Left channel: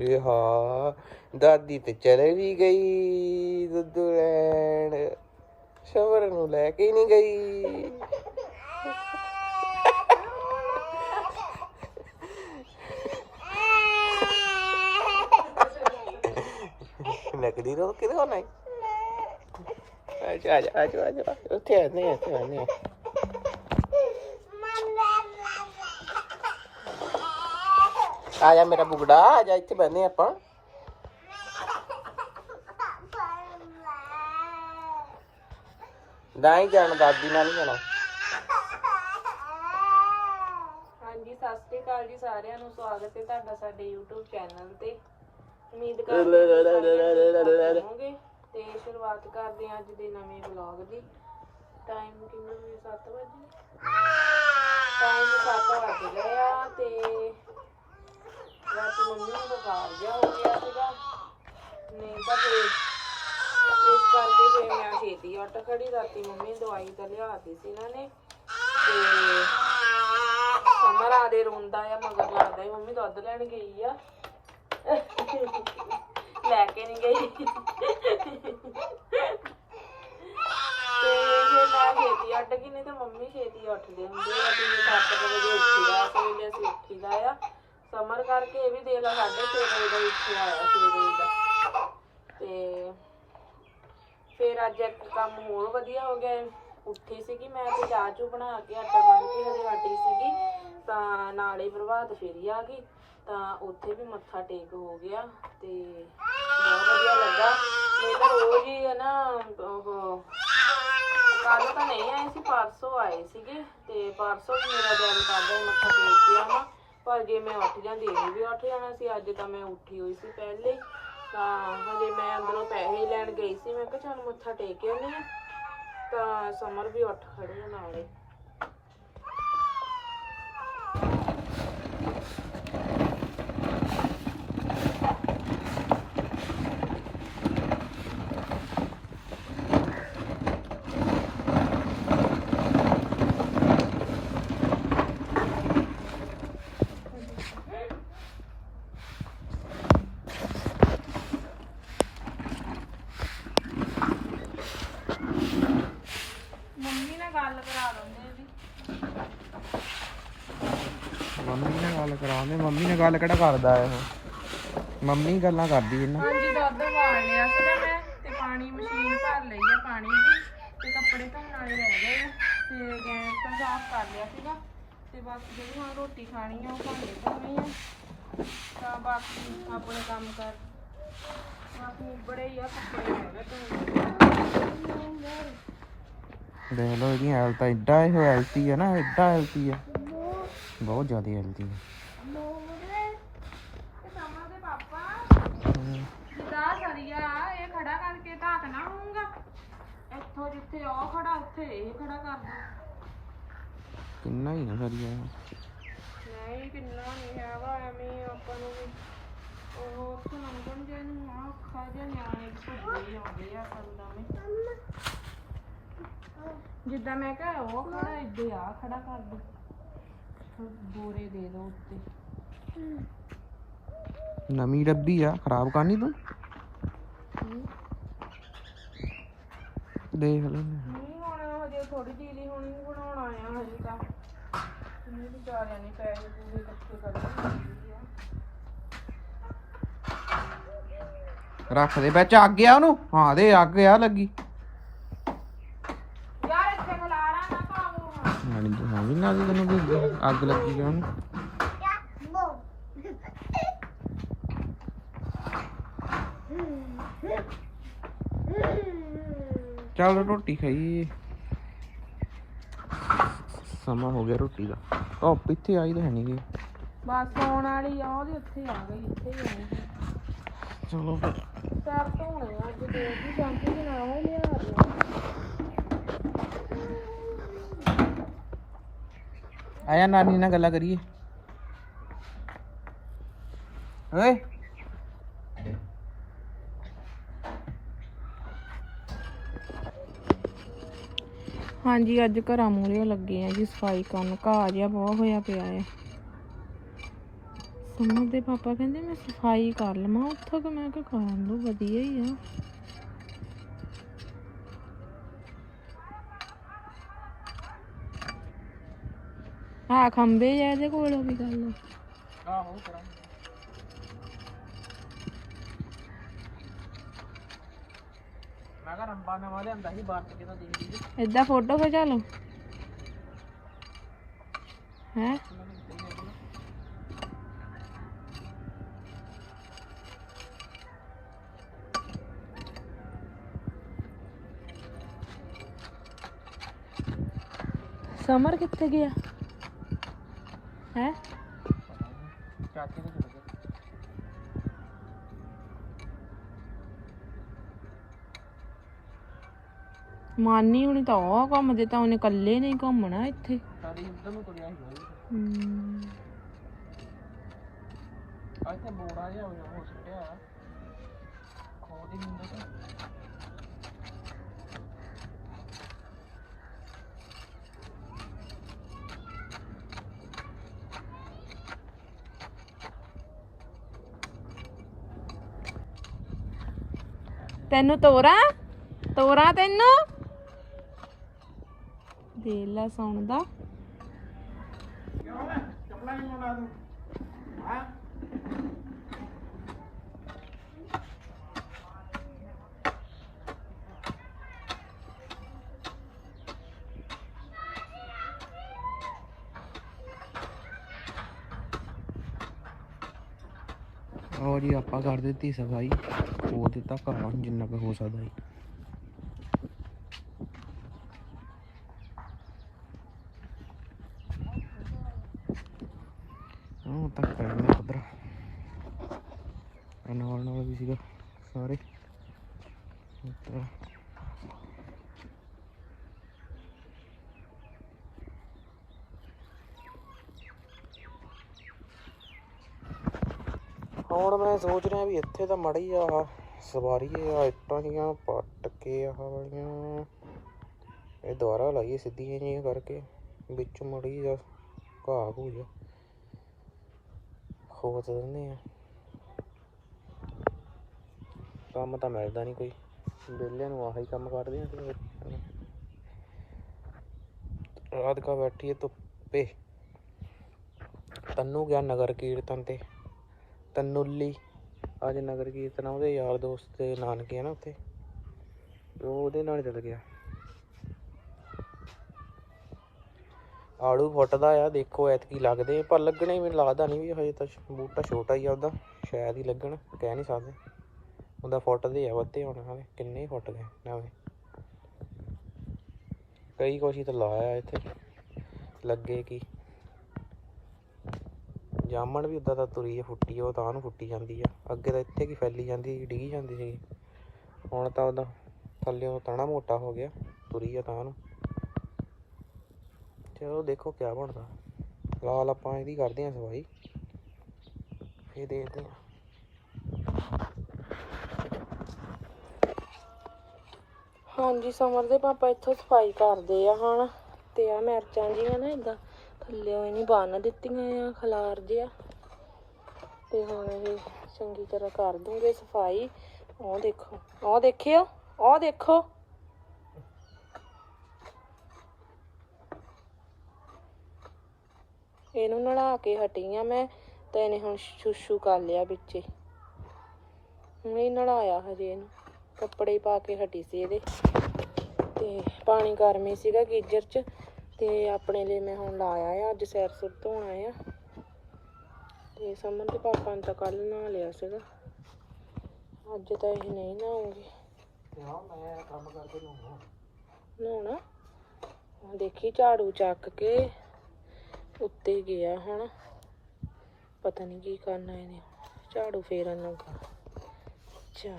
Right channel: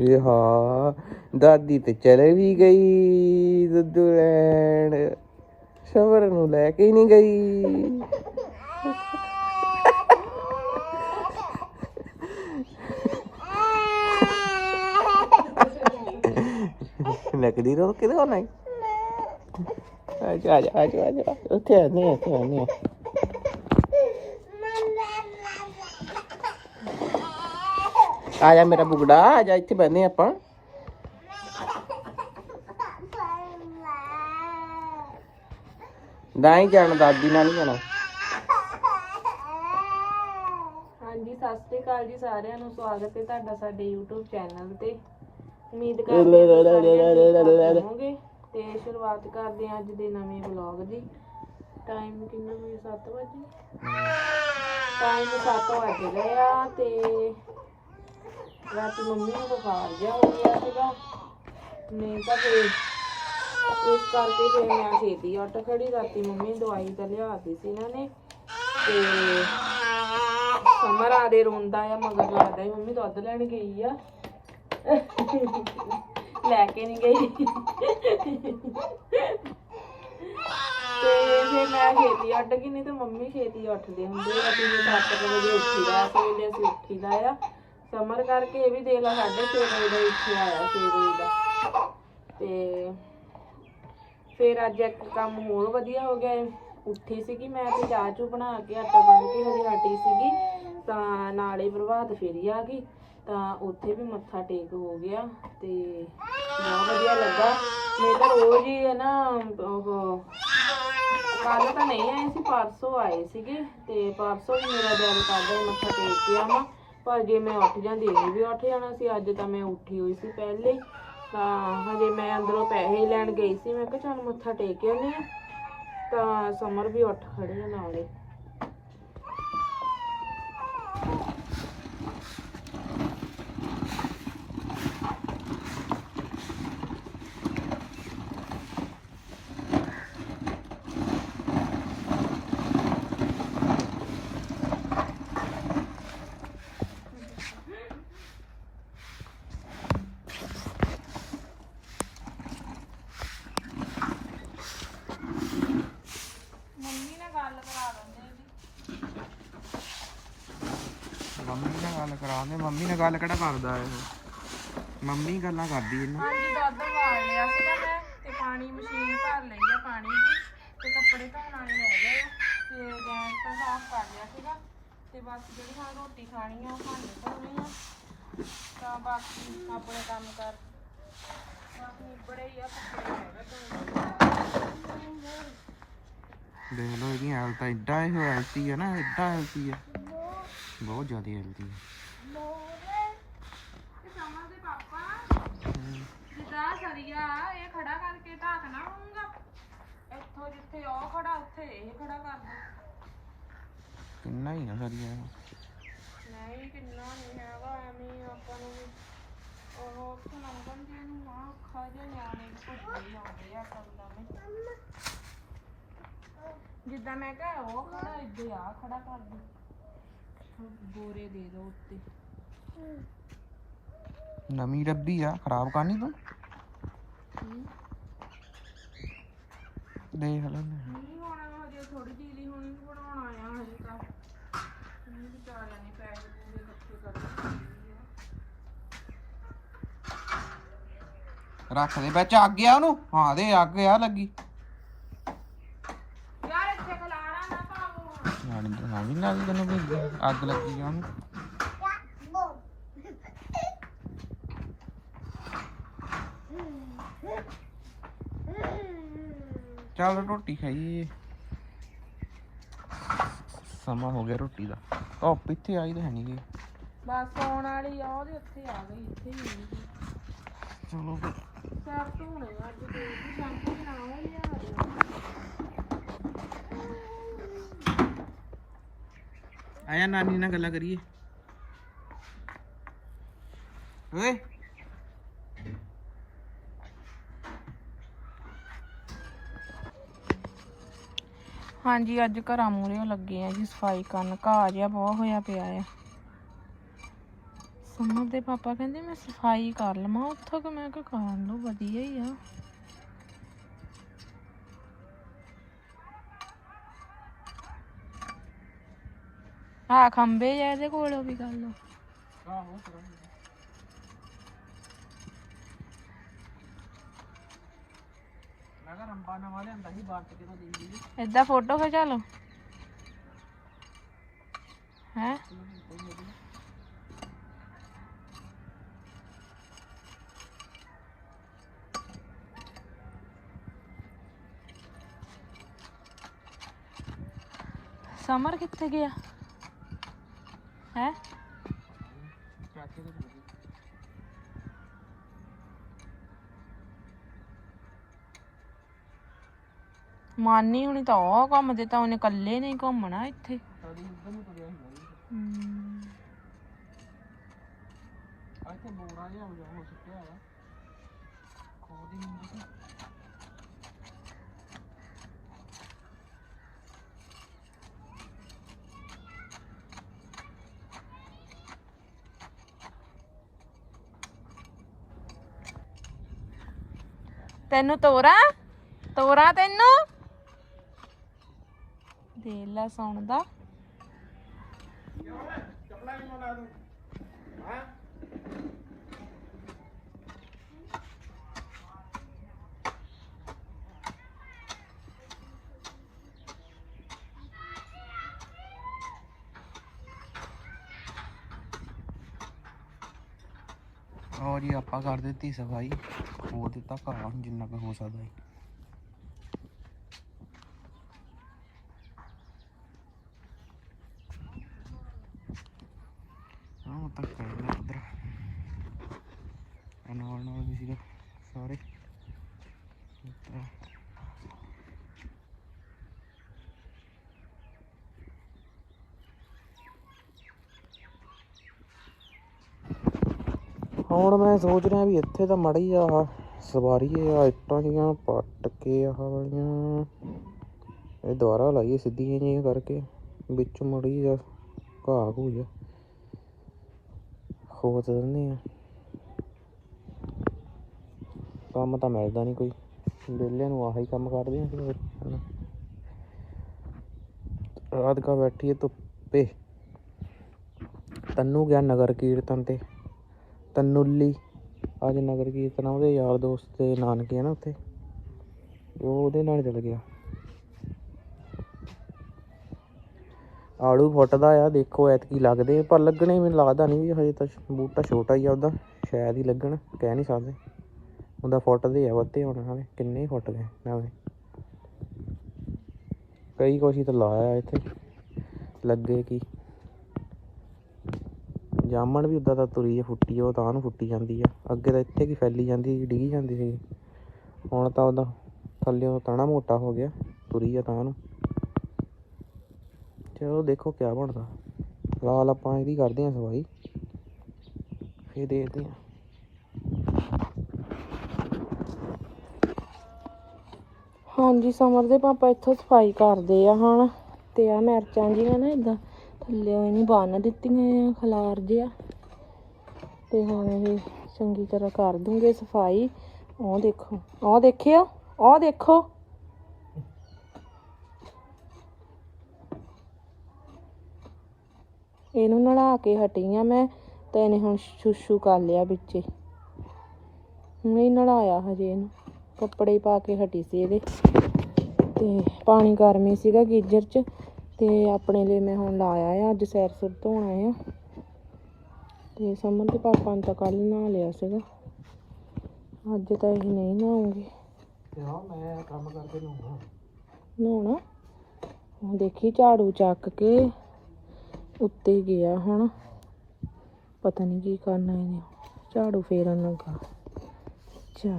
ਇਹ ਹਾਂ, ਦਾਦੀ ਤੇ ਚਲੇ ਵੀ ਗਈ ਦੁੱਧ ਲੈਣ। ਸ਼ਵਰ ਨੂੰ ਲੈ ਕੇ ਹੀ ਨਹੀਂ ਗਈ। ਨਕਦੀ ਰੋ ਕਿਦੋਂ ਹੋਣਾ ਈ? ਆ ਜਾ ਆ ਜਾ ਆ ਜਾ ਆ ਜਾ। ਉੱਥੇ ਆ ਨਹੀਂ ਇੱਥੇ ਆ। ਨਹੀਂ ਆ ਜਾ ਮੇਰਾ ਬੁਗੜਾ ਆ ਜਾ ਇੱਥੇ ਬੈਠਨੇ ਆਪਾਂ। ਨਹੀਂ ਜਾਣਾ ਦਾਦੀ ਨਾਲ ਨਹੀਂ ਜਾਣਾ। ਹਾਂਜੀ ਸਤਿ ਸ਼੍ਰੀ ਅਕਾਲ ਜੀ ਸਾਰਿਆਂ ਨੂੰ। ਸਵਾਗਤ ਹੈ ਤੁਹਾਡਾ ਸਾਡੇ YouTube ਚੈਨਲ ਤੇ। ਉਮੀਦ ਕਰਦੇ ਹਾਂ ਹੋਵੋਗੇ ਤੇ ਸ਼ੁਰੂਆਤ ਕਰਦੇ ਹਾਂ ਅੱਜ ਦੇ ਨਵੇਂ ਵਲੌਗ ਦੀ। ਟਾਈਮ ਕਿੰਨਾ ਹੋਇਆ 7 ਵਜੇ ਟਾਈਮ 7 ਵਜ ਆ ਤੇ ਰਾਤੀ ਮੰਮੀ ਨੂੰ ਬੁਖਾਰ ਜਿਹਾ ਹੋ ਗਿਆ ਸੀਗਾ। ਨਹੀਂ ਤਾਂ ਫਿਰ ਇਸ ਕਰਕੇ ਫਿਰ ਮੈਂ ਛੇਤੀ ਉੱਠ ਖੜੀ, ਰਾਤੀ ਮੰਮੀ ਦਵਾਈ ਤਾਂ ਲਿਆਤੀ ਸੀ ਇਹਨਾਂ ਨੇ। ਤੇ ਸਮਰ ਆਦੇ ਰੋਂਦਾ ਆ, ਮਗਰ ਲੱਗਦਾ ਹੀ ਮੰਮੀ ਦੁੱਧ ਲੈਣ ਗਈ ਆ। ਲੈ ਕੇ ਨਹੀਂ ਗਈ। ਤੇ ਫਿਰ ਮੈਂ ਖੇਤੀ ਉੱਠ ਗਈ, ਨਹੀਂ ਤਾਂ ਮੰਮੀ ਛੇਤੀ ਉੱਠਦੇ ਹੁੰਦੇ ਆ ਅਸੀਂ 7 ਵਜੇ ਉੱਠੀਦਾ ਤੇ ਅਸੀਂ ਉੱਠੀਦਾ ਆ। ਸਮਰ ਕਰਕੇ ਇਹ ਵੀ ਦੇਖ ਲਾ 6:30 ਵਜੇ ਦਾ ਇੱਥੇ ਆਇਆ 6 ਵਜੇ ਦਾ। ਤੇ ਫਿਰ ਅੱਜ ਇੱਕ ਕੰਮ ਹੋਰ ਵਧੀਆ ਹੋ ਗਿਆ। ਉੱਠੀ ਸੀਗੀ ਮੈਂ ਤੇ ਚਾਹ ਚੂ ਬਣਾ ਕੇ ਆਟਾ ਗੁੰਨ ਕੇ ਹਜੇ ਹਟੀ ਸੀਗੀ, ਤਾਂ ਨਾਲੇ ਪ੍ਰਭਾਤ ਫੇਰੀ ਆ ਗਈ, ਤਾਂ ਉੱਥੇ ਵੀ ਮੱਥਾ ਟੇਕ ਹੋ ਗਿਆ ਤੇ ਬਹੁਤ ਵਧੀਆ ਲੱਗਾ। ਨਹੀਂ ਤਾਂ ਰੋਜ਼ ਹੀ ਹੈ ਨਾ, ਉਹ ਕੱਲ ਤਾਂ ਨਹੀਂ ਆਏ ਸੀ, ਪਰਸੋਂ ਆਏ ਸੀਗੇ ਤੇ ਪਰਸੋਂ ਵੀ ਮੇਰਾ ਦਿਲ ਕਰਦਾ ਮੱਥਾ ਟੇਕ ਕੇ ਆਵਾਂ। ਪਰ ਜੇ ਮੈਂ ਉੱਠ ਜਾਂਦੀ ਇਹ ਵੀ ਉੱਠ ਜਾਣਾ ਸੀ, ਅੱਜ ਤਾਂ ਮੈਂ ਉੱਠੀ ਹੋਈ ਸੀ ਪਹਿਲੇ। ਤਾਂ ਹਜੇ ਮੈਂ ਅੰਦਰੋਂ ਪੈਸੇ ਹੀ ਲੈਣ ਗਈ ਸੀ, ਮੈਂ ਕਿਹਾ ਚੱਲ ਮੱਥਾ ਟੇਕ ਕੇ ਆਉਂਦੇ ਹਾਂ। ਤਾਂ ਸਮਰ ਵੀ ਉੱਠ ਖੜੇ ਨਾਲੇ ਮੰਮੀ ਨਾਲ ਗੱਲ ਕਰਾ ਦਿੰਦੇ ਜੀ ਮੰਮੀ ਗੱਲ ਕਰਾਉਂਦੇ ਮੰਮੀ ਨਾਲ ਗੱਲ ਕਿਹੜਾ ਕਰਦਾ ਇਹ? ਮੰਮੀ ਗੱਲਾਂ ਕਰਦੀ ਇਹਨਾਂ। ਹਾਂਜੀ ਦੁੱਧ ਉਬਾਲ ਲਿਆ ਸੀਗਾ ਮੈਂ ਤੇ ਪਾਣੀ ਮਸ਼ੀਨ ਭਰ ਲਈ ਆ ਪਾਣੀ ਦੀ ਤੇ ਕੱਪੜੇ ਧੋਣ ਵਾਲੇ ਰਹਿ ਗਏ ਆ। ਤੇ ਗੈਸ ਤਾਂ ਸਾਫ਼ ਕਰ ਲਿਆ ਸੀਗਾ ਤੇ ਬਸ ਜਿਹੜੀ ਹੁਣ ਰੋਟੀ ਖਾਣੀ ਆ ਉਹ ਭਾਂਡੇ ਧੋਣੇ ਆ। ਤਾਂ ਬਾਕੀ ਆਪਣੇ ਕੰਮ ਕਰ। ਬਾਕੀ ਬੜੇ ਹੀ ਆ ਦੇਖ ਲਓ ਇਹਦੀ ਹਾਲਤ ਇਹ ਹੈਲਥੀ ਹੈ ਨਾ ਏਡਾ ਹੈਲਥੀ ਹੈ ਬਹੁਤ ਜ਼ਿਆਦਾ ਹੈਲਥੀ ਹੈ ਹਮ, ਜਿੱਦਾਂ ਸਰੀਆ ਇਹ ਖੜਾ ਕਰਕੇ ਢਾਕਣਾ ਹੋਊਗਾ ਇੱਥੋਂ ਜਿੱਥੇ ਉਹ ਖੜਾ ਉੱਥੇ ਇਹ ਖੜਾ ਕਰ ਦੋ ਕਿੰਨਾ ਹੀ ਨਾ ਸਰੀਆ ਨਹੀਂ, ਕਿੰਨਾ ਨਹੀਂ ਹੈਗਾ, ਐਵੇਂ ਆਪਾਂ ਨੂੰ ਵੀ। ਉਹ ਸੁਣਨ ਜੇ ਨੂੰ ਆਖਾ ਜੇ ਨਿਆਣੇ ਭੁੱਜੇ ਜਾਂਦੇ ਆ ਕੰਦਾਂ ਨੇ ਜਿੱਦਾਂ ਮੈਂ ਕਿਹਾ, ਉਹ ਖੜਾ ਇੱਦੇ ਆ, ਖੜਾ ਕਰ ਦੋ। ਬੋਰੇ ਦੇ ਦੋ ਉੱਤੇ। ਨਵੀਂ ਰੱਬੀ ਆ ਖਰਾਬ ਕਰਨੀ ਤੂੰ? ਦੇਖ ਲੈ। ਨਹੀਂ ਹੁਣ ਹਜੇ ਥੋੜੀ ਢੀਲੀ ਹੋਣੀ ਬਣਾਉਣਾ ਆ ਹਜੇ ਤਾਂ। ਨਹੀਂ ਵਿਚਾਰਿਆਂ ਨੇ ਪੈਸੇ ਪੂਰੇ ਇਕੱਠੇ ਕਰਨੇ ਰੱਖ ਦੇ ਵਿੱਚ ਅੱਗ ਆ ਉਹਨੂੰ। ਹਾਂ ਦੇ ਅੱਗ ਆ ਲੱਗੀ ਯਾਰ ਇੱਥੇ ਖਲਾਰਾ ਨਾ ਪਾਵੋ ਹੁਣ ਹਾਂ ਨਹੀਂ ਹਾਂ ਵੀ ਨਾ ਦੀ ਤੈਨੂੰ ਵੀ ਅੱਗ ਲੱਗੀ ਉਹਨੂੰ। ਚੱਲ ਰੋਟੀ ਖਾਈਏ। ਸਮਾਂ ਹੋ ਗਿਆ ਰੋਟੀ ਦਾ। ਧੁੱਪ ਇੱਥੇ ਆਈ ਤਾਂ ਹੈ ਨਹੀਂ ਬਸ ਆਉਣ ਵਾਲੀ ਆ ਉਹਦੇ ਉੱਥੇ ਆ ਗਈ ਇੱਥੇ ਹੀ ਆ। ਚਲੋ ਫਿਰ। ਪੈਰ ਧੋਣੇ ਆ ਅੱਜ ਦੇ ਦੀ ਸ਼ੈਂਪੂ ਦੇ ਨਾਲ ਲਿਆ ਦਿਓ। ਆਇਆ ਨਾਨੀ ਨਾਲ ਗੱਲਾਂ ਕਰੀਏ। ਓਏ। ਹਾਂਜੀ, ਅੱਜ ਘਰਾਂ ਮੂਹਰੇ ਲੱਗੇ ਆ ਜੀ, ਸਫ਼ਾਈ ਕਰਨ। ਘਾਹ ਜਿਹਾ ਬਹੁਤ ਹੋਇਆ ਪਿਆ ਹੈ ਸਮਰ ਦੇ ਪਾਪਾ ਕਹਿੰਦੇ ਮੈਂ ਸਫ਼ਾਈ ਕਰ ਲਵਾਂ, ਉੱਥੋਂ ਕਿ ਮੈਂ ਕਿਹਾ ਕਰ ਲਓ ਵਧੀਆ ਹੀ ਆ। ਆ ਖੰਬੇ ਜਿਹੇ ਇਹਦੇ ਕੋਲ ਵੀ ਕਰ ਲਓ। ਆਹੋ ਕਰਾਂਗੇ। ਮੈਂ ਕਿਹਾ ਰੰਬਾ ਫੋਟੋ ਖਿਚਾ ਲਓ। ਹੈ? ਸਮਰ ਕਿੱਥੇ ਗਿਆ? ਹੈ? ਚਾਚੇ ਦੇ ਚਲੇ ਗਏ ਮਾਨੀ ਹੁਣੀ ਤਾਂ ਉਹ ਘੁੰਮਦੇ ਤਾਂ ਉਹਨੇ ਇਕੱਲੇ ਨਹੀਂ ਘੁੰਮਣਾ ਇੱਥੇ। ਸਾਡੀ ਉਧਰ ਨੂੰ ਤੁਰਿਆ ਸੀ ਹਮ, ਆ ਇੱਥੇ ਮੋੜਾ ਜਿਹਾ ਹੋ ਹੋ ਸੁੱਟਿਆ ਖੋਦ ਹੁੰਦਾ ਸੀ ਤੈਨੂੰ ਤੋਰਾ? ਤੋਰਾ ਤੈਨੂੰ? ਦੇ ਲੈ ਸੁਣਦਾ ਆਓ ਜੀ ਆਪਾਂ ਕਰ ਦਿੱਤੀ ਸਫ਼ਾਈ ਹੋ ਦਿੱਤਾ ਘਰ ਜਿੰਨਾ ਕੁ ਹੋ ਸਕਦਾ ਜੀ ਹਾਂ ਤਾਂ ਕਰਨਾ ਉਧਰ ਨਾਲ ਨਾਲ ਵੀ ਸੀਗਾ ਸਾਰੇ ਇੱਧਰ। ਹੁਣ ਮੈਂ ਸੋਚ ਰਿਹਾ ਵੀ ਇੱਥੇ ਤਾਂ ਮੜੀ ਆ ਸਵਾਰੀ ਆ, ਇੱਟਾਂ ਦੀਆਂ ਪੱਟ ਕੇ ਆਹ ਵਾਲੀਆਂ। ਇਹ ਦੁਆਰਾ ਲਾਈਏ ਸਿੱਧੀਆਂ ਜਿਹੀਆਂ ਕਰਕੇ, ਵਿੱਚ ਮੜੀ ਆ ਘਾਹ ਘੂ ਜਾ ਖੋਤ ਦਿੰਦੇ ਆ। ਕੰਮ ਤਾਂ ਮਿਲਦਾ ਨਹੀਂ ਕੋਈ ਵਿਹਲੇ ਨੂੰ ਆਹੀ ਕੰਮ ਕਰਦੇ ਆ ਫਿਰ। ਰਾਤ ਕਾ ਬੈਠੀ ਧੁੱਪੇ। ਤੰਨੂ ਗਿਆ ਨਗਰ ਕੀਰਤਨ ਤੇ, ਤਨੂਲੀ ਅੱਜ ਨਗਰ ਕੀਰਤਨ ਆ, ਉਹਦੇ ਯਾਰ ਦੋਸਤ ਦੇ ਨਾਨਕੇ ਆ ਨਾ ਉੱਥੇ। ਉਹ ਉਹਦੇ ਨਾਲ ਚਲ ਗਿਆ। ਆੜੂ ਫੁੱਟਦਾ ਆ, ਦੇਖੋ ਐਤਕੀ ਲੱਗਦੇ ਪਰ ਲੱਗਣੇ ਮੈਨੂੰ ਲੱਗਦਾ ਨਹੀਂ ਵੀ ਹਜੇ ਤਾਂ ਬੂਟਾ ਛੋਟਾ ਹੀ ਆ ਉਹਦਾ, ਸ਼ਾਇਦ ਹੀ ਲੱਗਣ, ਕਹਿ ਨਹੀਂ ਸਕਦੇ। ਉਹਦਾ ਫੁੱਟਦੇ ਆ ਵੱਧੇ ਹੁਣ ਹਾਲੇ ਕਿੰਨੇ ਫੁੱਟਦੇ ਨਾਲੇ। ਕਈ ਕੁਛ ਤਾਂ ਲਾਇਆ ਇੱਥੇ, ਲੱਗੇ ਕੀ। ਜਾਮਣ ਵੀ ਉਦਾਂ ਤਾਂ ਤੁਰੀ ਆ ਫੁੱਟੀ ਆ, ਉਹ ਤਾਂ ਨੂੰ ਫੁੱਟੀ ਜਾਂਦੀ ਆ। ਅੱਗੇ ਤਾਂ ਇੱਥੇ ਕੀ ਫੈਲੀ ਜਾਂਦੀ ਸੀ ਡਿੱਗੀ ਜਾਂਦੀ ਸੀ। ਹੁਣ ਤਾਂ ਉਹਦਾ ਥੱਲੇ ਤਣਾ ਮੋਟਾ ਹੋ ਗਿਆ ਤੁਰੀ ਆ ਤਾਂ ਨੂੰ। ਚਲੋ ਦੇਖੋ ਕਿਆ ਬਣਦਾ। ਫਿਲਹਾਲ ਆਪਾਂ ਇਹਦੀ ਕਰਦੇ ਹਾਂ ਸਫ਼ਾਈ ਫੇਰ ਦੇਖਦੇ ਹਾਂ ਹਾਂਜੀ ਸਮਰ ਦੇ ਪਾਪਾ ਇੱਥੋਂ ਸਫ਼ਾਈ ਕਰਦੇ ਆ ਹੁਣ। ਤੇ ਆ ਮਿਰਚਾਂ ਜਿਹੀਆਂ ਨਾ ਇਦਾਂ ਥੱਲੇ ਇਹਨੂੰ ਬੰਨ ਦਿੱਤੀਆਂ ਆ, ਖਲਾਰ ਜਿਆ ਤੇ ਹੁਣ ਇਹ ਚੰਗੀ ਤਰ੍ਹਾਂ ਕਰ ਦੂੰਗੇ ਸਫ਼ਾਈ। ਉਹ ਦੇਖੋ ਉਹ ਦੇਖਿਓ ਉਹ ਦੇਖੋ। ਇਹਨੂੰ ਨਲਾ ਕੇ ਹਟੀ ਆ ਮੈਂ, ਤੇ ਇਹਨੇ ਹੁਣ ਸ਼ੂਸ਼ੂ ਕਰ ਲਿਆ ਵਿੱਚੇ ਹੁਣੇ ਹੀ ਨਲਾਇਆ ਹਜੇ ਇਹਨੂੰ, ਕੱਪੜੇ ਪਾ ਕੇ ਹਟੀ ਸੀ ਇਹਦੇ। ਤੇ ਪਾਣੀ ਗਰਮੀ ਸੀਗਾ ਗੀਜ਼ਰ 'ਚ। ਤੇ ਆਪਣੇ ਲਈ ਮੈਂ ਹੁਣ ਲਾਇਆ ਆ ਅੱਜ ਸੈਰ ਸੁਰ ਧੋਣਾ ਆ। ਤੇ ਸਮਨ ਤੇ ਪਾਪਾ ਨੇ ਤਾਂ ਕੱਲ ਨਹਾ ਲਿਆ ਸੀਗਾ। ਅੱਜ ਤਾਂ ਇਹ ਨਹੀਂ ਨਹਾਉਂਗੇ। ਤੇ ਹਾਂ ਮੈਂ ਕੰਮ ਕਰਦੇ ਲੂੰਗਾ ਨਹਾਉਣਾ? ਹੁਣ ਦੇਖੀ ਝਾੜੂ ਚੱਕ ਕੇ ਉੱਤੇ ਗਿਆ ਹੁਣ। ਪਤਾ ਨਹੀਂ ਕੀ ਕਰਨਾ ਇਹਨੇ। ਝਾੜੂ ਫੇਰਨ ਲੱਗਾ। ਅੱਛਾ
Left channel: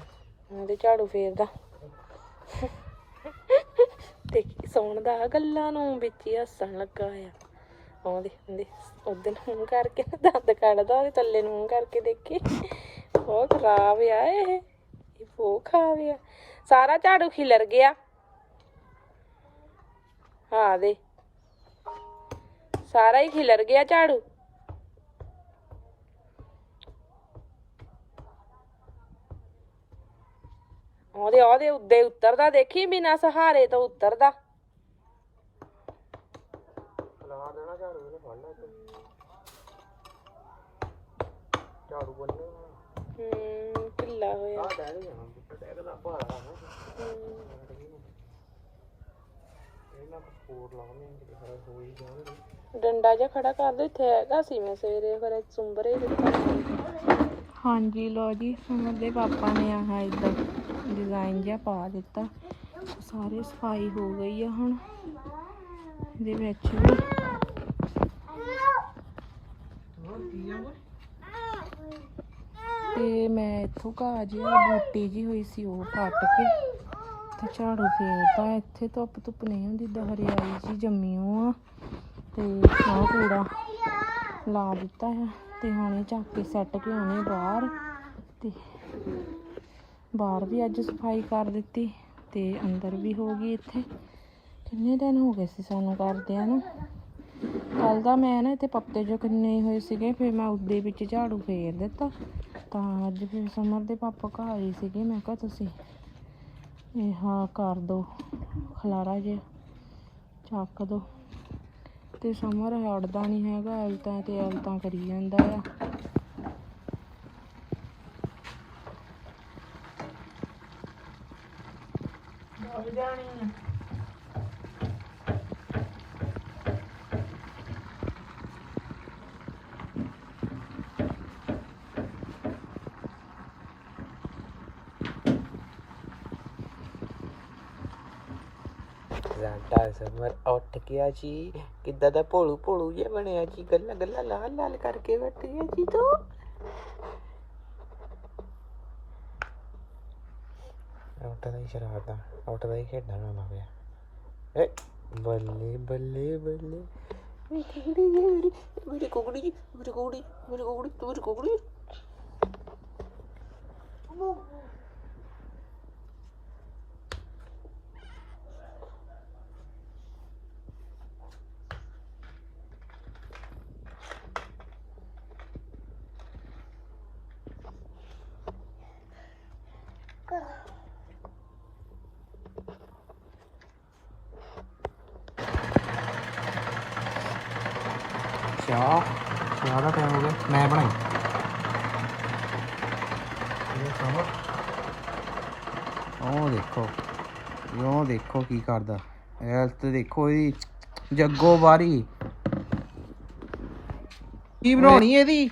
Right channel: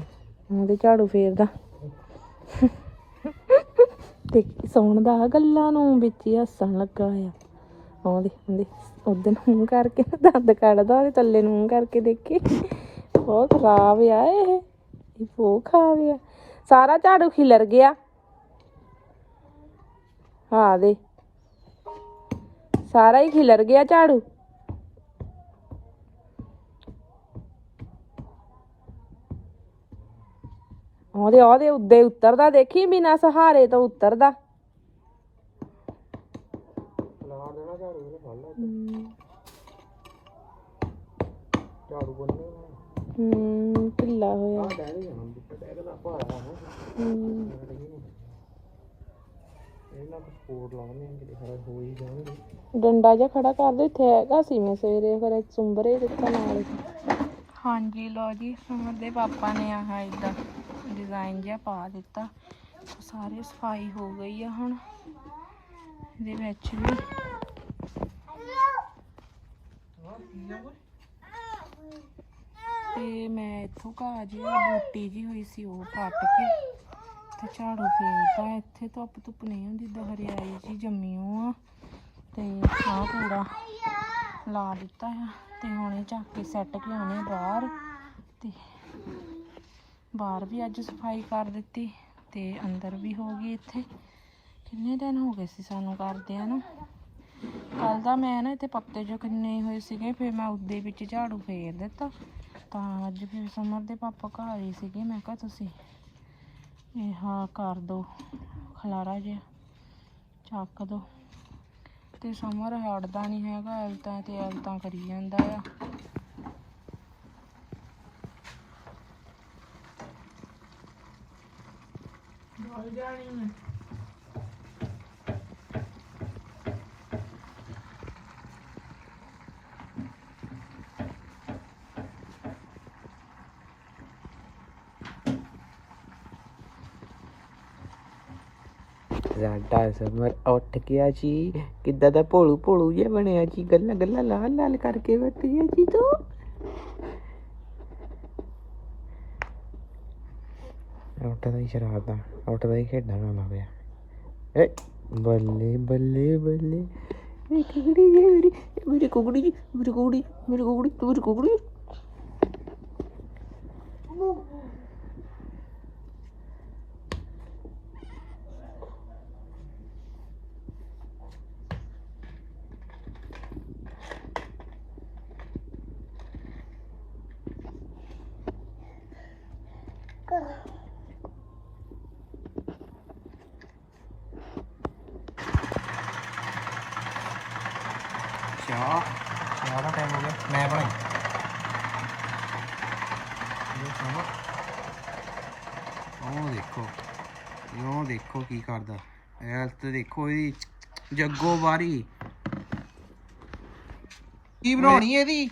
ਉਹਦੇ ਝਾੜੂ ਫੇਰਦਾ। ਤੇ ਸੌਣ ਦਾ ਗੱਲਾਂ ਨੂੰ ਵਿੱਚ ਹੀ ਹੱਸਣ ਲੱਗਾ ਆ। ਉਹਦੇ ਉਹਦੇ ਉਦੋਂ ਮੂੰਹ ਕਰਕੇ ਨਾ ਦੰਦ ਕੱਢਦਾ ਉਹਦੇ ਥੱਲੇ ਨੂੰ ਮੂੰਹ ਕਰਕੇ ਦੇਖੀ। ਬਹੁਤ ਖਰਾਬ ਆ ਇਹ। ਇਹ ਬਹੁਤ ਖਰਾਬ ਆ। ਸਾਰਾ ਝਾੜੂ ਖਿਲਰ ਗਿਆ। ਹਾਂ ਦੇ ਸਾਰਾ ਹੀ ਖਿਲਰ ਗਿਆ ਝਾੜੂ। ਉਹਦੇ ਉਹਦੇ ਉੱਦੇ ਉਤਰਦਾ ਦੇਖੀ ਬਿਨਾ ਸਹਾਰੇ ਤੋਂ ਉਤਰਦਾ। ਲਾ ਦੇਣਾ ਝਾੜੂ ਨੇ ਫੜ ਲਾ ਝਾੜੂ ਬੰਨੇ ਹੂੰ ਢਿੱਲਾ ਹੋਇਆ। ਡੈਡੀ ਜਨਮ ਬੁੱਟਾ ਟੈਗ ਦਾ ਭਾਰਾ ਹੈ। ਹੂੰ ਇਹਨਾਂ ਨੂੰ ਸਪੋਰਟ ਲਾਉਣੀ ਹੈ ਜਿਹੜੇ ਖਰਾ ਹੋ ਹੀ ਜਾਣਗੇ। ਡੰਡਾ ਜਿਹਾ ਖੜਾ ਕਰ ਦੇ ਇੱਥੇ ਹੈਗਾ ਸੀ ਮੈਂ ਸਵੇਰੇ ਫਿਰ ਸੁੰਬਰੇ ਦਿੱਤਾ। ਹਾਂਜੀ ਲੋ ਜੀ ਸਮਰ ਦੇ ਪਾਪਾ ਨੇ ਆਹ ਇਦਾਂ ਡਿਜ਼ਾਈਨ ਜਿਹਾ ਪਾ ਦਿੱਤਾ। ਸਾਰੇ ਸਫ਼ਾਈ ਹੋ ਗਈ ਆ ਹੁਣ। ਇਹਦੇ ਵਿੱਚ ਵੀ। ਤੇ ਮੈਂ ਇੱਥੋਂ ਘਾਹ ਜਿਹਾ ਬੂਟੀ ਜੀ ਹੋਈ ਸੀ ਉਹ ਪੱਟ ਕੇ। ਤੇ ਝਾੜੂ ਫੇਰਤਾ। ਇੱਥੇ ਧੁੱਪ ਧੁੱਪ ਨਹੀਂ ਹੁੰਦੀ ਦਾ ਹਰਿਆਈ ਜੀ ਜੰਮੀ ਆ। ਤੇ ਆਹ ਕੂੜਾ ਲਾ ਦਿੱਤਾ ਆ। ਤੇ ਹੁਣ ਇਹ ਚੱਕ ਕੇ ਸੈੱਟ ਕੇ ਆਉਣੇ ਬਾਹਰ। ਤੇ ਬਾਹਰ ਵੀ ਅੱਜ ਸਫ਼ਾਈ ਕਰ ਦਿੱਤੀ ਤੇ ਅੰਦਰ ਵੀ ਹੋ ਗਈ ਇੱਥੇ। ਕਿੰਨੇ ਦਿਨ ਹੋ ਗਏ ਸੀ ਸਾਨੂੰ ਕਰਦਿਆਂ ਨੂੰ? ਕੱਲ ਦਾ ਮੈਂ ਨਾ ਇੱਥੇ ਪੱਤੇ ਜੋ ਕਿੰਨੇ ਹੋਏ ਸੀਗੇ, ਫਿਰ ਮੈਂ ਉਹਦੇ ਵਿੱਚ ਝਾੜੂ ਫੇਰ ਦਿੱਤਾ। ਤਾਂ ਅੱਜ ਫਿਰ ਸਮਰ ਦੇ ਪਾਪਾ ਘਰ ਹੀ ਸੀਗੇ। ਮੈਂ ਕਿਹਾ ਤੁਸੀਂ ਇਹ ਹਾਂ ਕਰ ਦੋ, ਖਲਾਰਾ ਜਿਹਾ ਚੱਕ ਦੋ। ਤੇ ਸਮਰ ਹਟਦਾ ਨਹੀਂ ਹੈਗਾ, ਐਲਤਾਂ ਤੇ ਐਲਤਾਂ ਕਰੀ ਜਾਂਦਾ ਆ। ਸਾਡਾ ਸਮਰ ਉੱਠ ਗਿਆ ਜੀ। ਕਿੱਦਾਂ ਦਾ ਭੋਲੂ ਭੋਲੂ ਜਿਹਾ ਬਣਿਆ ਜੀ। ਗੱਲਾਂ ਗੱਲਾਂ ਲਾਲ ਲਾਲ ਕਰਕੇ ਬੈਠ ਗਿਆ ਜੀ ਤੂੰ। ਉੱਠਦਾ ਹੀ ਸ਼ਰਾਰਤਾਂ ਉੱਠਦਾ ਹੀ ਖੇਡਾਂ ਲਾਉਂਦਾ ਪਿਆ ਏ ਬੱਲੇ ਬੱਲੇ ਬੱਲੇ ਮੇਰੀ ਕੁਗੜੀ ਜੀ ਮੇਰੀ ਮੇਰੀ ਕੁਗੜੀ ਚਾਹ ਚਾਹ ਦਾ ਟਾਈਮ ਹੋ ਗਿਆ। ਮੈਂ ਬਣਾਈ। ਉਹ ਦੇਖੋ। ਉਹ ਦੇਖੋ ਕੀ ਕਰਦਾ। ਹੈਲਥ ਦੇਖੋ ਇਹਦੀ। ਜੱਗੋ ਬਾਰੀ ਕੀ ਬਣਾਉਣੀ ਇਹਦੀ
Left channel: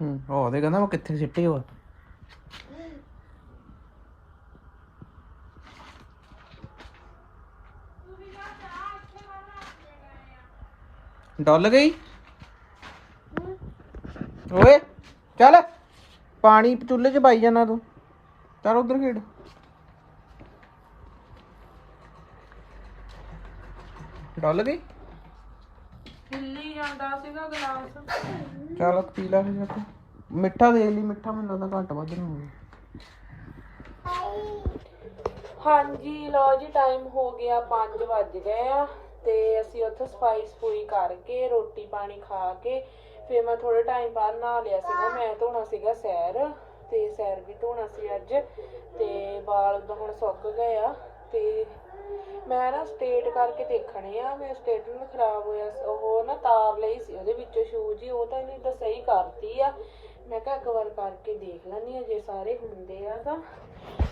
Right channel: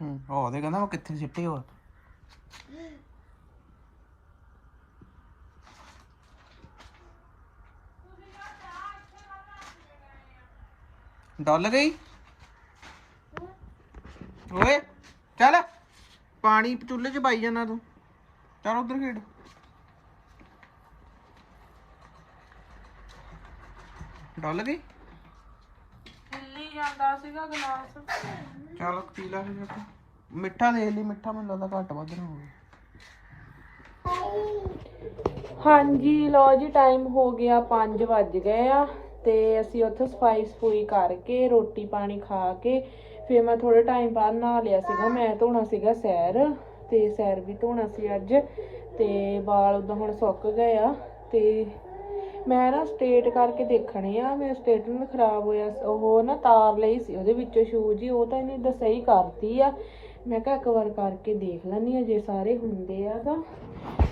ਹੂੰ ਉਹ ਦੇ ਕਹਿੰਦਾ ਮੈਂ ਕਿੱਥੇ ਸਿੱਟੇ ਹੋ? ਡੁੱਲ ਗਈ? ਓਏ ਚੱਲ। ਪਾਣੀ ਚੁੱਲ੍ਹੇ 'ਚ ਪਾਈ ਜਾਣਾ ਤੂੰ। ਚੱਲ ਉਧਰ ਖੇਡ। ਡੁੱਲ ਗਈ? ਹਿੱਲੀ ਜਾਂਦਾ ਸੀਗਾ ਗਲਾਸ? ਚੱਲ ਪੀ ਲੈ ਫਿਰ। ਜਾ ਕੇ। ਮਿੱਠਾ ਦੇਖ ਲਈ, ਮਿੱਠਾ ਮੈਨੂੰ ਲੱਗਦਾ ਘੱਟ ਵੱਧ ਨਾ ਹੋਵੇ ਹਾਂਜੀ, ਲਓ ਜੀ ਟਾਈਮ ਹੋ ਗਿਆ 5 ਵੱਜ ਗਏ ਆ ਤੇ ਅਸੀਂ ਉੱਥੇ ਸਫ਼ਾਈ ਸਫੂਈ ਕਰਕੇ, ਰੋਟੀ ਪਾਣੀ ਖਾ ਕੇ, ਫਿਰ ਮੈਂ ਥੋੜੇ ਟਾਈਮ ਬਾਅਦ ਨਹਾ ਲਿਆ ਸੀਗਾ, ਮੈਂ ਧੋਣਾ ਸੀਗਾ ਸੈਰ ਤੇ ਸੈਰ ਵੀ ਧੋਣਾ ਸੀ ਅੱਜ ਤੇ ਵਾਲ ਉਦਾਂ ਹੁਣ ਸੁੱਕ ਗਏ ਆ ਤੇ ਮੈਂ ਨਾ ਸਟੇਟ ਕਰਕੇ ਦੇਖਣੇ ਆ ਮੇਰੇ ਸਟੇਟਮੈਂਟ ਖਰਾਬ ਹੋਇਆ, ਉਹ ਨਾ ਤਾਰ ਲਈ ਸੀ, ਉਹਦੇ ਵਿੱਚੋਂ ਸ਼ੂਜ਼ ਹੀ ਉਹ ਤਾਂ ਇਹਨੇ ਤਾਂ ਸਹੀ ਕਰਤੀ ਆ। ਮੈਂ ਕਿਹਾ ਇੱਕ ਵਾਰ ਕਰਕੇ ਦੇਖ ਲੈਣੀ ਆ ਜੇ ਸਾਰੇ ਹੁੰਦੇ ਆ ਤਾਂ।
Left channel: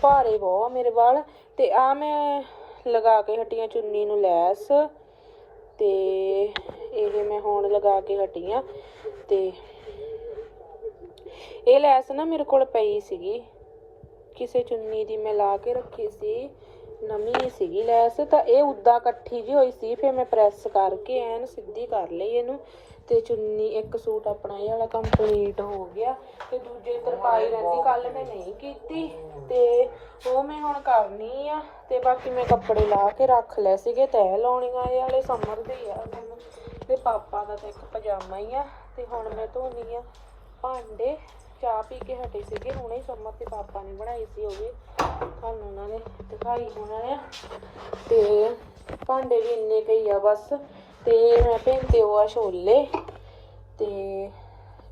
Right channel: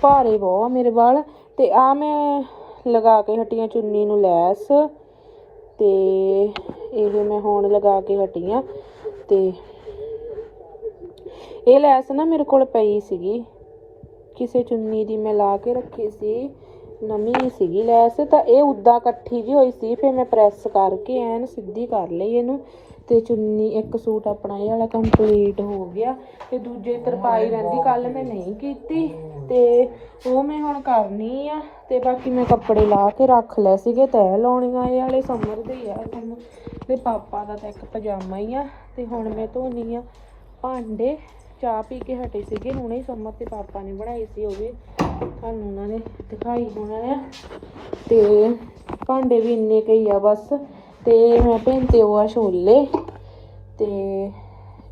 ਭਾਰੇ ਬਹੁਤ ਆ ਮੇਰੇ ਵਾਲ। ਤੇ ਆ ਮੈਂ ਲਗਾ ਕੇ ਹਟੀਆਂ ਚੁੰਨੀ ਨੂੰ ਲੈਸ। ਤੇ ਇਹ ਮੈਂ ਹੁਣ ਲਗਾ ਕੇ ਹਟੀ ਆ ਤੇ ਇਹ ਲੈਸ ਨਾ ਮੇਰੇ ਕੋਲ ਪਈ ਸੀਗੀ। ਕਿਸੇ ਚੁੰਨੀ ਦੀ ਮੈਂ ਲਾ ਕੇ ਰੱਖੀ ਸੀ। ਨਵੀਂ ਸੀਗੀ ਲੈਸ ਤਾਂ ਇਹ ਉਦਾਂ ਇਕੱਠੀ ਜੀ ਹੋਈ ਸੀ ਫਿਰ ਮੈਂ ਪ੍ਰੈਸ ਕਰਕੇ ਐਨ ਸਿੱਧੀ ਕਰ ਲਈ ਇਹਨੂੰ ਤੇ ਚੁੰਨੀ ਇੱਕ ਸੂਟ ਆਪਣਾ ਇਹ ਵਾਲਾ ਕੰਪਲੀਟ ਹੋ ਗਿਆ ਤੇ ਦੂਜੇ ਤਰਪਾਈ ਰਹਿੰਦੀ ਕੱਲ ਮੈਂ ਨਹੀਂ ਕੀਤੀ ਤੇ ਉਹ ਮੈਂ ਹੁਣ ਕਰਨੀ ਆ ਤੇ ਬਾਕੀ ਮੈਂ ਕੱਪੜੇ ਲਾ ਕੇ ਰੱਖ ਲਏ ਸੀਗੇ ਤੈਅ ਲਾਉਣੀਆਂ ਇਹ ਵਾਲੇ ਸਮਰ ਦੇ ਆ ਹੁਣ ਤੇ ਪਾਪਾ ਦਾ ਤਾਂ ਇੱਕ ਪਜਾਮਾ ਹੀ ਆ ਤੇ ਹੁਣ ਮੈਂ ਧੋਣੀ ਆ ਭਾਂਡੇ ਚਾਹ ਪੀ ਕੇ ਹਟੇ ਸੀਗੇ ਹੁਣੇ ਸਮਰ ਤੇ ਪਾਪਾ ਨੇ ਬਣਾਈ ਸੀ ਉਹ ਵੀ। ਤੁਹਾਨੂੰ ਉਹਨਾਂ ਨੇ ਦਿਖਾਈ ਹੋਣਾ ਆ। ਤੇ ਭਾਂਡੇ ਵੀ ਇੰਨੇ ਕਈ ਆ ਬਸ। ਤੇ ਮੈਂ ਭੇਂਤੇ ਉਹ ਆ ਛੋਲੇ। ਤੇ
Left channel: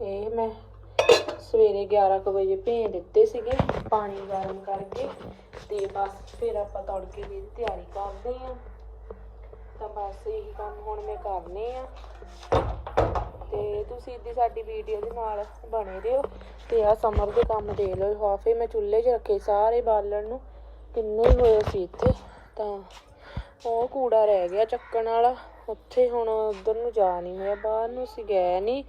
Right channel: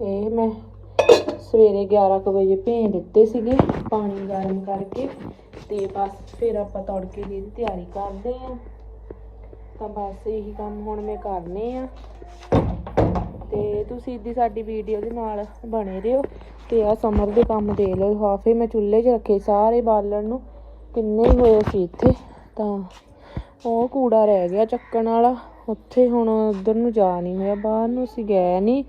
ਇਹ ਮੈਂ ਸਵੇਰੇ 11 ਕੁ ਵਜੇ ਭੇਜ ਦਿੱਤੇ ਸੀਗੇ ਪਾਣੀ ਗਰਮ ਕਰਕੇ। ਤੇ ਬਸ ਫਿਰ ਆਪਾਂ ਤੜਕੇ ਦੀ ਇਹਦੀ ਤਿਆਰੀ ਕਰਦੇ ਆ। ਤਾਂ ਬਸ ਇਹੀ ਕੰਮ ਹੁਣ ਮੈਂ ਕਰਨੇ ਆ। ਤੇ ਤੁਸੀਂ ਇੱਦੀ ਸਾਡੀ ਵੀਡੀਓ ਦੇ ਨਾਲ ਬਣੇ ਰਹੋ। ਤੇ ਆ ਸਮਰ ਦੇ ਕੰਮ ਦੇ ਲਓ ਹਾਫੇ ਮੈਂ ਚੁੱਲ੍ਹੇ 'ਚ ਰੱਖੇ, ਸਾਰੇ ਬਾਲਣ ਨੂੰ ਕਿੰਨੇ ਹੋਏ ਸੀ ਇੱਥੇ, ਤਾਂ ਉਹ ਕੂੜਾ ਰਹਿ ਗਿਆ ਚੱਕਣ ਵਾਲਾ, ਉੱਥੇ ਹੁਣ ਉਧਰ ਨੂੰ ਜਾ ਨਹੀਂ ਹੋਇਆ, ਬਾਹਰ ਨੂੰ ਅਸੀਂ ਗਏ ਨਹੀਂ,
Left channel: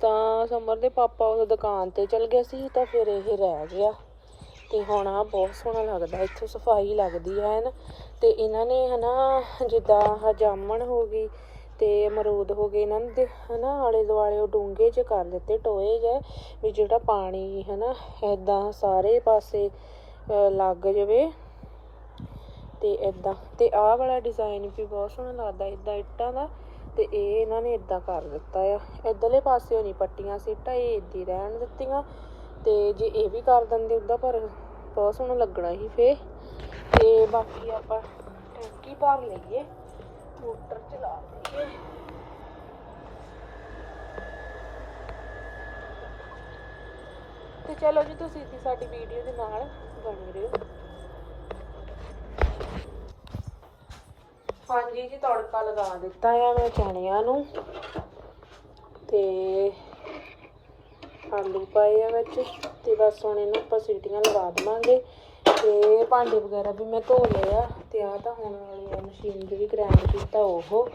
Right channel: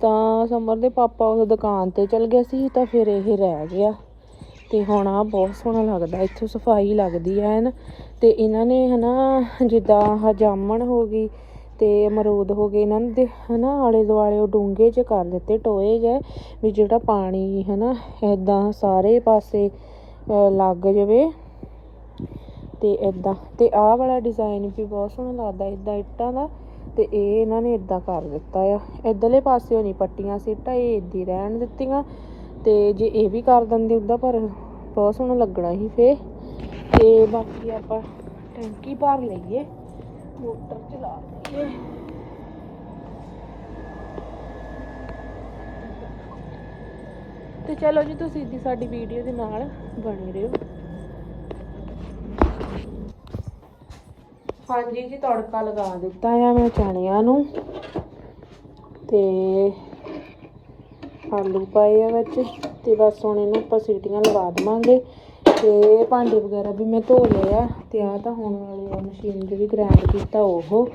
ਤਾਂ ਸਮਰ ਦੇ ਪਾਪਾ ਉਹ ਦੁਕਾਨ ਤੇ ਚਲ ਗਏ ਸੀ, ਤਾਂ ਫਿਰ ਇਹ ਰਹਿ ਗਿਆ, ਤੇ ਹੁਣ ਆ ਬਹੁਤ ਸੋਹਣਾ ਲੱਗਦਾ, ਇੱਥੋਂ ਸਫ਼ਾਈ ਲੱਗਦੀ ਹੈ ਨਾ, ਤੇ ਇਹਨਾਂ ਨੇ ਹਨਾ, ਜਿੱਦਾਂ ਆਹ ਜਾਮਣ ਹੋ ਗਈ ਤੇ ਅਮਰੂਦ ਹੋ ਗਏ। ਇਹਨਾਂ ਨੇ ਦੇ- ਹਨਾ ਆਲੇ ਦੁਆਲੇ ਉਹ ਡੂੰਘੇ ਚ ਕਰ ਦਿੱਤੇ, ਟੋਏ ਜੇ ਵੀ ਜਿਹੜਾ ਪਾਣੀ, ਹਨਾ, ਏਦਾਂ ਸਾਰੇ ਪਾਸੇ ਲੱਗ ਜਾਵੇ। ਤੇ ਏਦਾਂ, ਤੇ ਆਹ ਵਾਲਾ ਡਿਜ਼ਾਈਨ ਵੀ ਬਹੁਤ ਸੋਹਣਾ ਲੱਗਦਾ ਏਦਾਂ ਇੱਟਾਂ ਦਾ। ਤੇ ਇਹ ਇਹਨਾਂ ਨੇ ਏਦਾਂ ਕਰ ਦਿੱਤਾ ਆ। ਇਧਰਲੇ ਪਾਸਿਓਂ ਨਹੀਂ, ਪੱਟੀਆਂ ਸੀਟਾਂ, ਇਹ ਏਦਾਂ ਹੀ ਰਹਿਣ ਦਿੱਤੀਆਂ। ਤੇ ਜੇ ਇਹ ਵੀ ਕਰ ਦਿੰਦੇ ਉਹਦਾ ਪਰ ਬਹੁਤ ਸੋਹਣਾ ਲੱਗਣਾ ਸੀ ਫੇ ਤੇ ਬਾਕੀ ਆਪਾਂ ਟੈਂਕੀ ਭਰ ਲਈਏ। ਮੋਟਰ ਚਲਾ ਦਈਏ ਤੇ ਚਲੋ ਜੀ, ਤੁਸੀਂ ਦੀ ਸਾਡੀ ਵੀਡੀਓ ਦੇ ਨਾਲ ਬਣੇ ਰਹੋ। ਹਾਂਜੀ ਜੀ, ਤੜਕਾ ਲਗਾ ਦਿੱਤਾ ਆ ਮੈਂ ਚਣਿਆਂ ਨੂੰ। ਤੇ ਆਲੂ ਪਾਏ ਆ ਵਿੱਚ, ਤੇ ਬਸ ਹੁਣ ਇਹਨੂੰ ਆਪਾਂ ਸੀਟੀਆਂ ਲਗਾ ਦੇਵਾਂਗੇ। ਤੇ ਭਾਂਡੇ ਵਗੈਰਾ ਵੀ ਮੈਂ ਧੋ ਲਏ ਆ ਤੇ ਆ ਤਾਂ ਹੁਣ ਵਾਲੀ ਆ ਮਸ਼ੀਨ ਜਿਹੜੀ ਗ੍ਰਾਈਂਡ ਕੀਤਾ ਉਹ।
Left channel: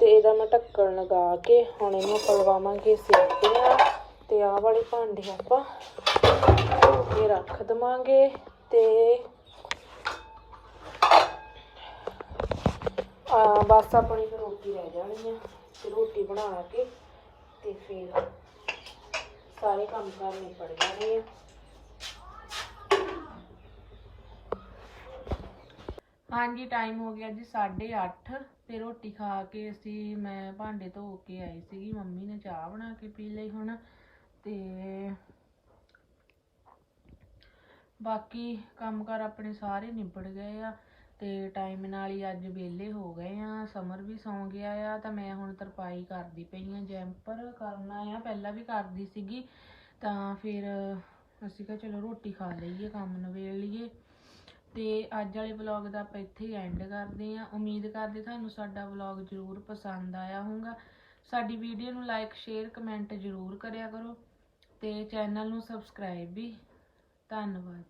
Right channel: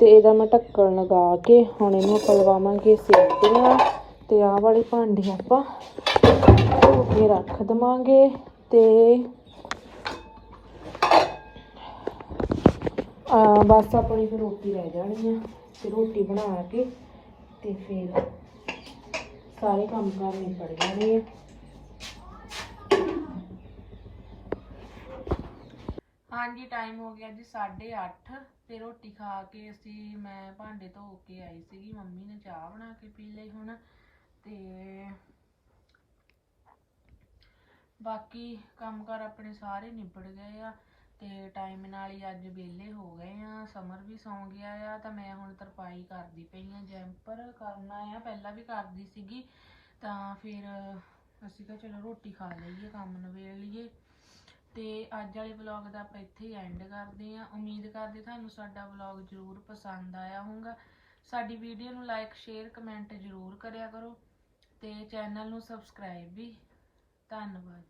ਤੇ ਇਹਦਾ ਮੈਂ ਢੱਕਣ ਲਗਾ ਕੇ ਹੁਣ ਇਹਨੂੰ ਪਲਵਾਵਾਂਗੇ ਸੀਟੀਆਂ ਤੇ ਆਹ ਵਾਲੇ ਭਾਂਡੇ ਆਪਾਂ ਧੋ ਕੇ ਰੱਖ ਦੇਵਾਂਗੇ ਤੇ ਆ ਬਸ ਆਪਣੀ ਫਿਰ ਰੋਟੀ ਰਹਿ ਜਾਣੀ ਆ। ਤੇ ਰੋਟੀ ਬਣਾ ਕੇ ਤੇ ਫਿਰ ਸਾਰੇ ਕੰਮ ਕਾਰ ਨਿਬੜ ਜਾਣੇ ਆ। ਹਾਂਜੀ ਟਾਈਮ ਹੋ ਗਿਆ ਜੀ 8:30 ਤੇ ਰੋਟੀ ਖਾ ਕੇ ਅਸੀਂ, ਮੈਂ ਭਾਂਡੇ ਧੋ ਕੇ ਆਈ ਸੀਗੀ, ਮੰਮੀ ਨੇ ਚਾਹ ਬਣਾ ਕੇ ਪੀ ਲਈ ਹੁਣ ਤੇ ਬਾਕੀ ਕੰਮਕਾਰ ਆਪਣੇ ਸਾਰੇ ਨਿਬੜ ਗਏ ਆ ਤੇ ਟਾਈਮ ਨਾਲ ਹੀ ਅੱਜ ਵਿਹਲੇ ਹੋ ਗਏ ਆ ਸਮਰ ਵੀ ਸੌਂ ਗਿਆ ਆ, ਤਾਂ ਮੈਂ ਹੁਣ ਤਰਪਾਈ ਕਰਦੀ ਪਈ ਆ ਜੈਂਪਰ ਕਰਨਾ ਆ, ਪਹਿਲਾਂ ਵੀ ਕਰਦੀ ਸੀਗੀ, ਤਾਂ ਫਿਰ ਅਸੀਂ ਕਿਹਾ ਚਲੋ ਰੋਟੀ ਖਾ ਲਈਏ, ਕੰਮ ਨਵੇੜ ਲਈਏ। ਤੇ ਅੱਜ ਵਾਲੇ ਵਲੌਗ ਦਾ ਆਪਾਂ ਇੱਥੇ ਹੀ ਐਂਡ ਕਰਦੇ ਆ ਉਮੀਦ ਕਰਦੇ ਤੁਹਾਨੂੰ ਸਾਡਾ ਵਲੌਗ ਜ਼ਰੂਰ ਪਸੰਦ ਆਇਆ ਹੋਊਗਾ। ਸਾਡੀ ਵੀਡੀਓ ਨੂੰ ਲਾਈਕ ਸ਼ੇਅਰ ਕਮੈਂਟ ਜ਼ਰੂਰ ਕਰਿਆ ਕਰੋ ਤੇ ਚੈਨਲ ਨੂੰ ਸਬਸਕ੍ਰਾਈਬ ਵੀ। ਧੰਨਵਾਦ।